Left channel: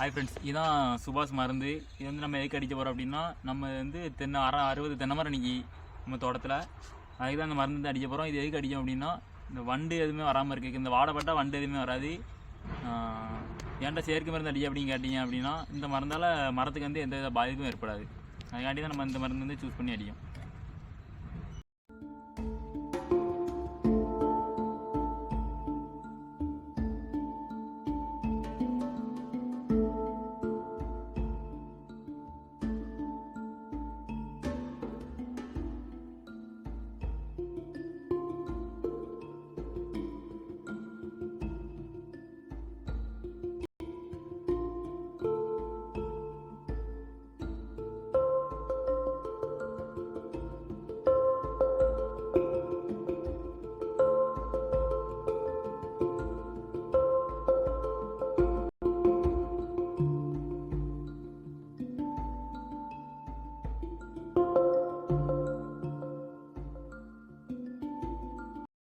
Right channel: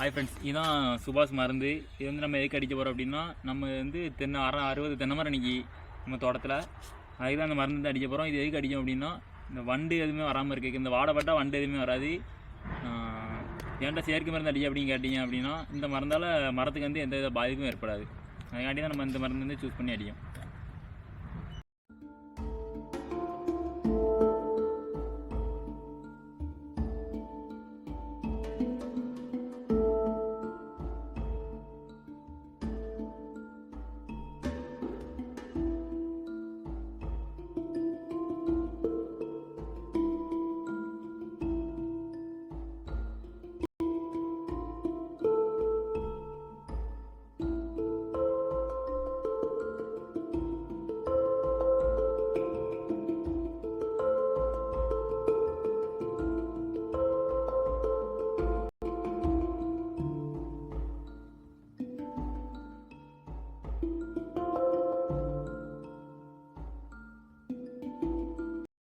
Hi friends, இதுதான் சுபாஷ் மருந்து. இது வந்து நம்ம எதுக்கு அடிக்க போகிறோம் அப்படின்னா, நம்ம வந்து 60 தென்னை மரம் இன்றைக்கி நம்ம தோட்டத்தில். அதுக்கு தான் அந்த மருந்து வந்து அடிக்க போகிறோம். இது எதுக்கு அடிக்கும் அப்படின்னா, இந்த வண்டு எதுவுமே வராமல் இருக்குது. இந்த வாடைப்பட்டால் வண்டு எதுவுமே வராது. ஏன்டா செயற்கை மருந்து அடிக்க அப்படின்னு கேட்டிங்க அப்படின்னா, இந்த மருந்தால் மரத்துக்கு வந்து எந்த வித பாதிப்பும் ஏற்படாது. அதுக்காண்டி தான் நம்ம இந்த மருந்து வந்து சூஸ் பண்ணி அடிக்கும்.